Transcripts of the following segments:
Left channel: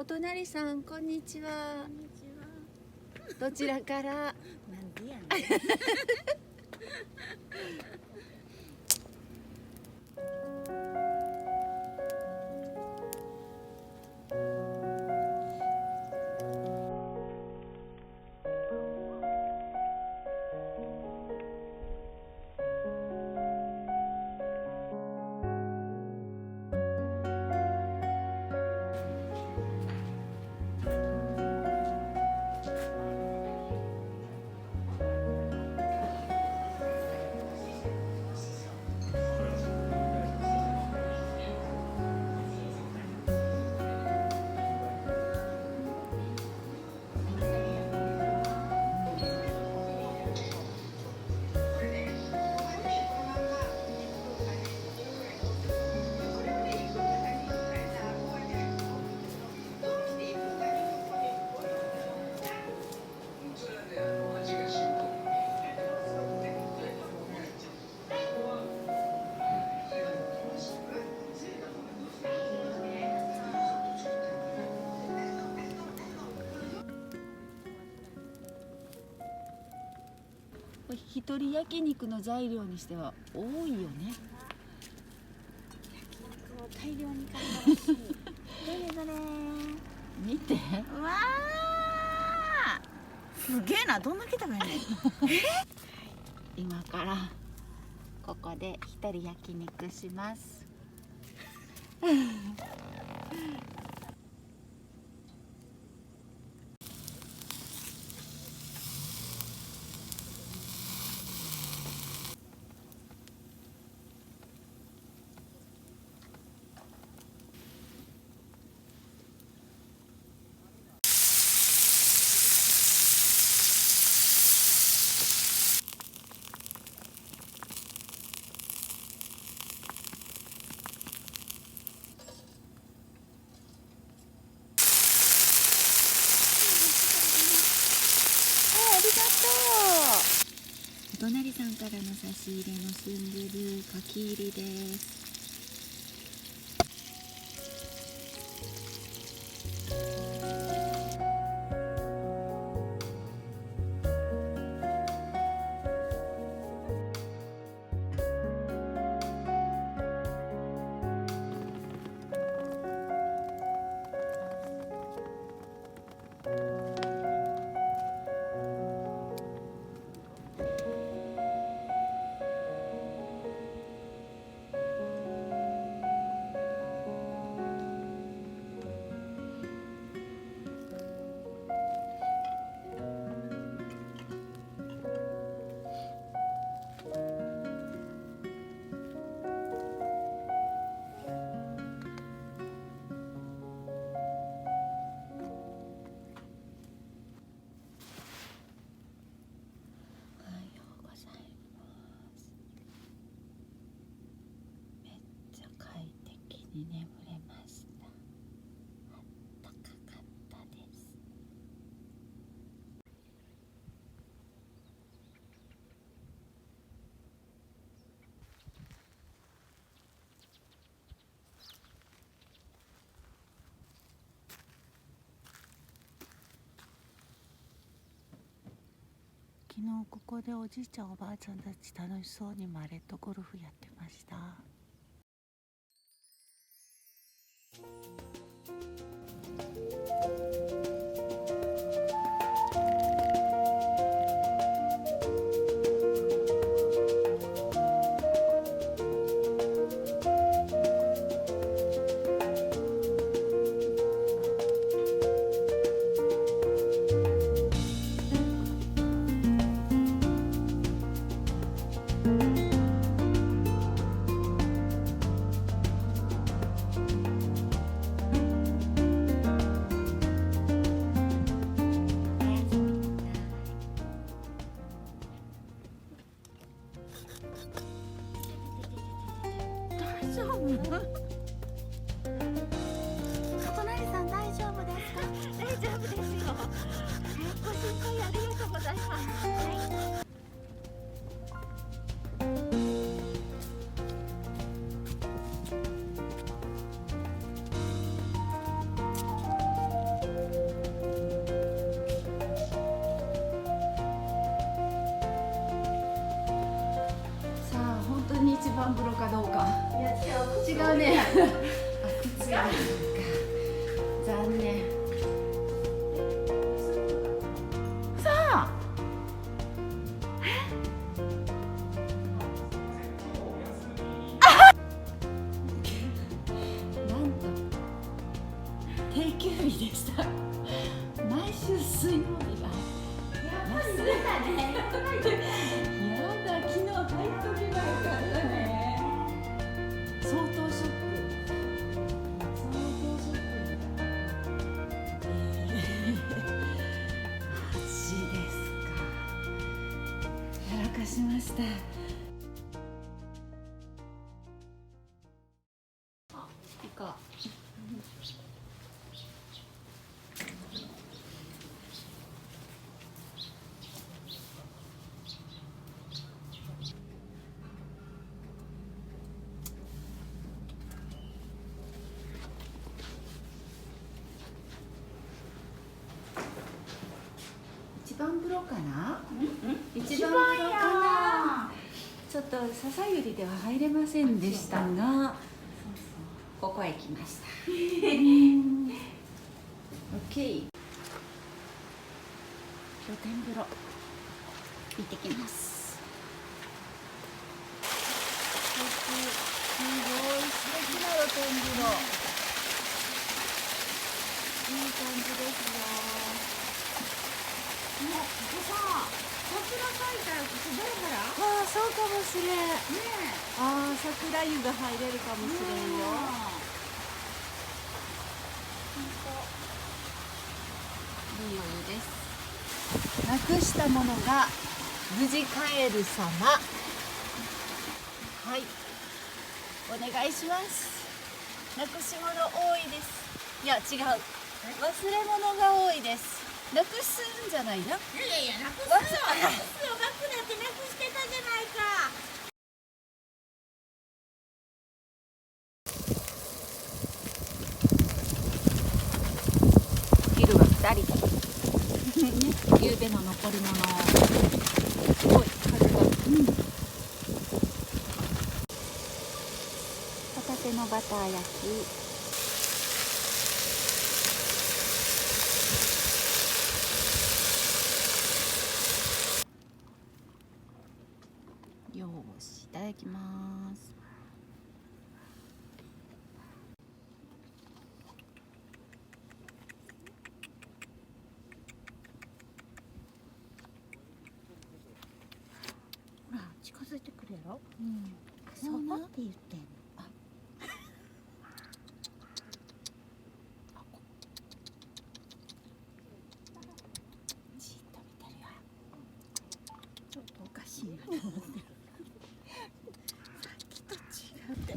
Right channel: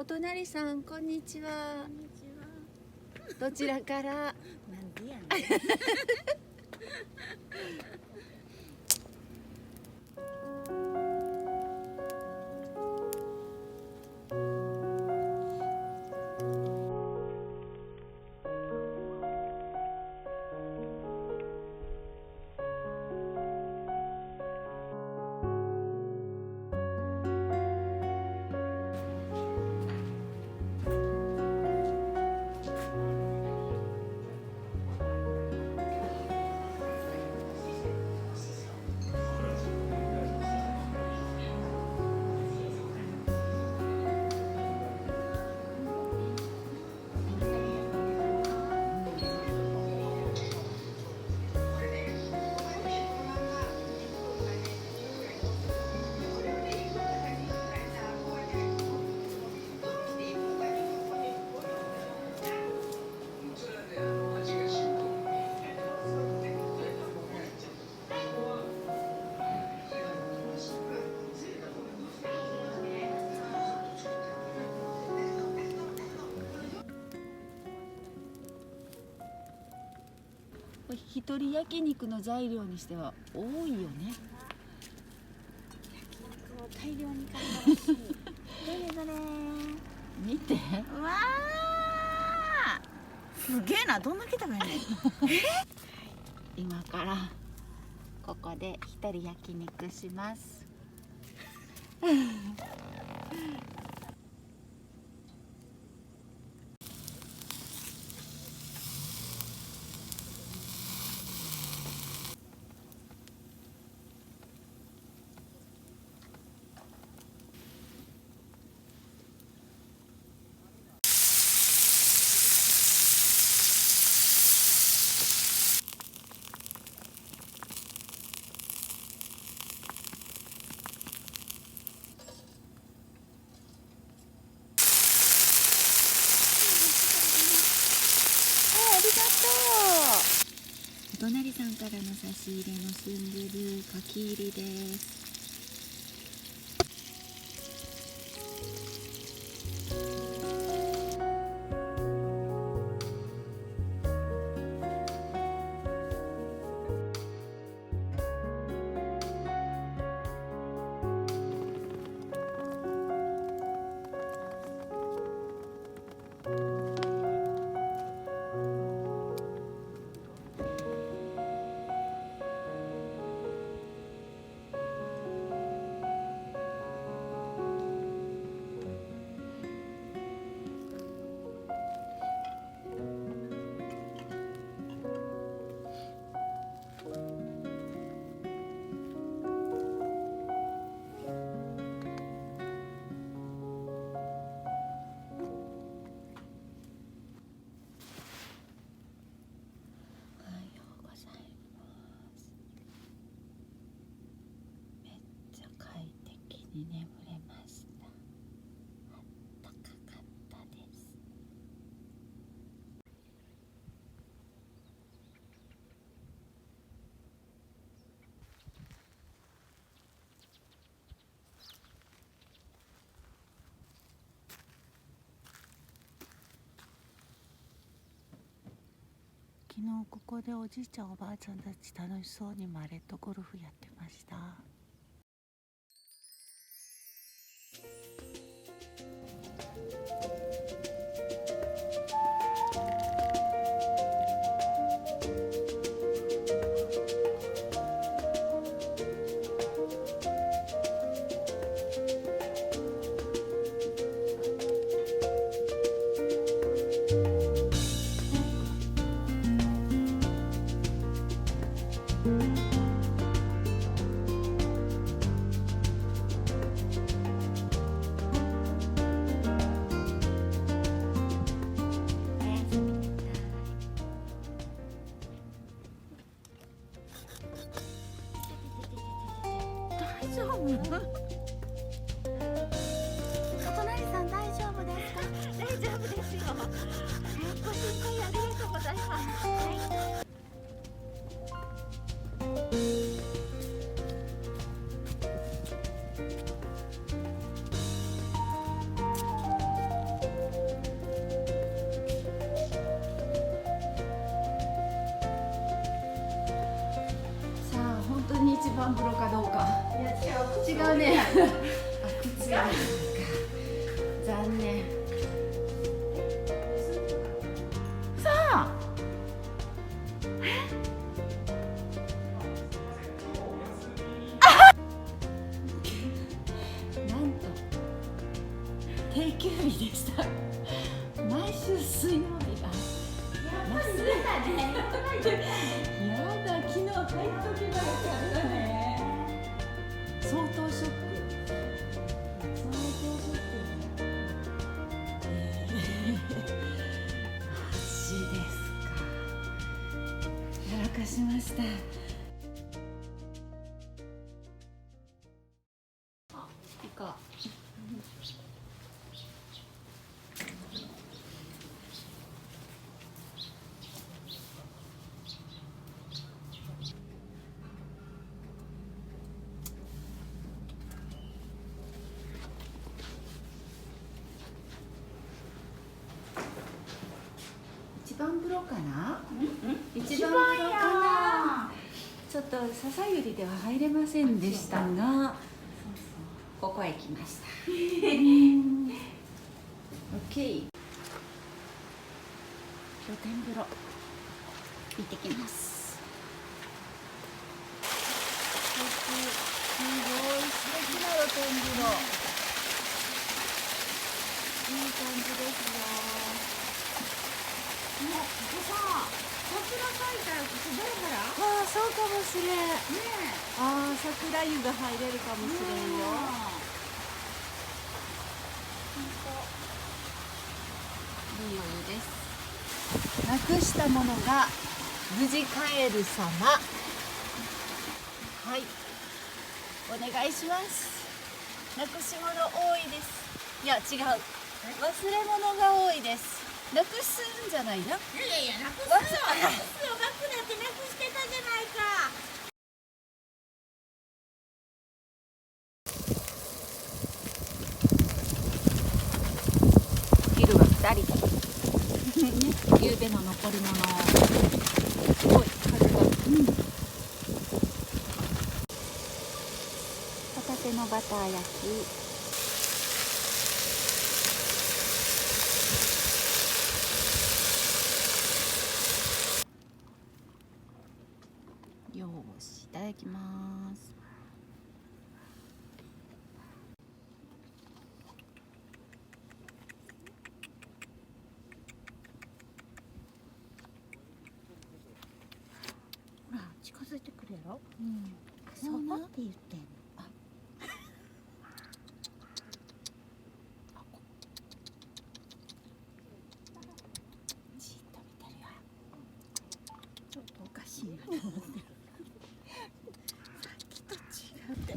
お隣さん、こんにちは。こんにちは。どちらから？なんでやねん。一人焼肉の材料にしては多いよね。大量に買ったらしい。どれどれ。見て。うわー。すげえな。どんだけ食べんねん。今からここで一人焼肉します。お隣さんからの差し入れのスンドゥルかき入りです。眠れました。あったかかったです。昨日ここでおじいちゃんおばあちゃんたち楽しそうにマレットゴルフやってました。大丈夫？お隣さん大丈夫ですか？大丈夫ですよ。ご心配ありがとうございます。はい。番風呂かどうか。いや違う。違うね。あ、靴が残念。さあ。なんと定休日でした。毎週水曜日が。やっぱり出たね。やだ、昨日入っとけばよかったね。相当ショック。相当ショック。マジですか。やらかしました。あ、いいか。一番風呂かな？一番風呂かな？ちょっと笹百合では入れませんでしたが、ここへ来ました。オッケー。露天風呂行ってきます。すごい素敵な露天風呂。いい感じですよ。ここさ、桜咲いたらここだから。ああ、そうかもしれん。ねえ。ああ、桜湯が入れるかもしれんよ。いいお湯です。なくしたものが無事帰る様。はい。お願いします。なくし物多いです。いや、違う。忘れ物が多いです。なくすんじゃないな。いやいや、なくすよ。なくすよ。バッグだってなくしてたじゃないか。昼は2人で。ゆうべの残り物を。すごい風が。ホタテのバター焼き。よーし、いただきます。ほら、近づいてくるやろ。そうなって言ってんの。じっと見てるよ。ちょっとおかしいなと思ってる。さっきと違って。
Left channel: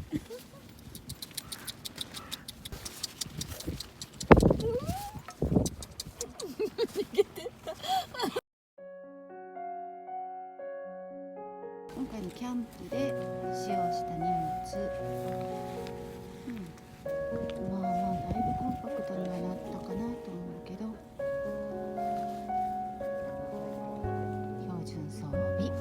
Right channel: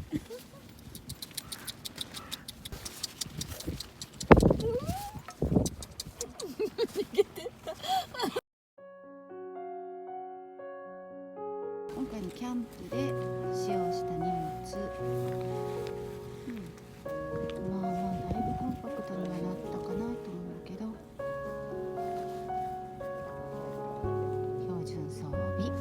逃げてった。今回のキャンプで使用した荷物、まあだいぶコンパクトにはなったかなと思うけど、標準装備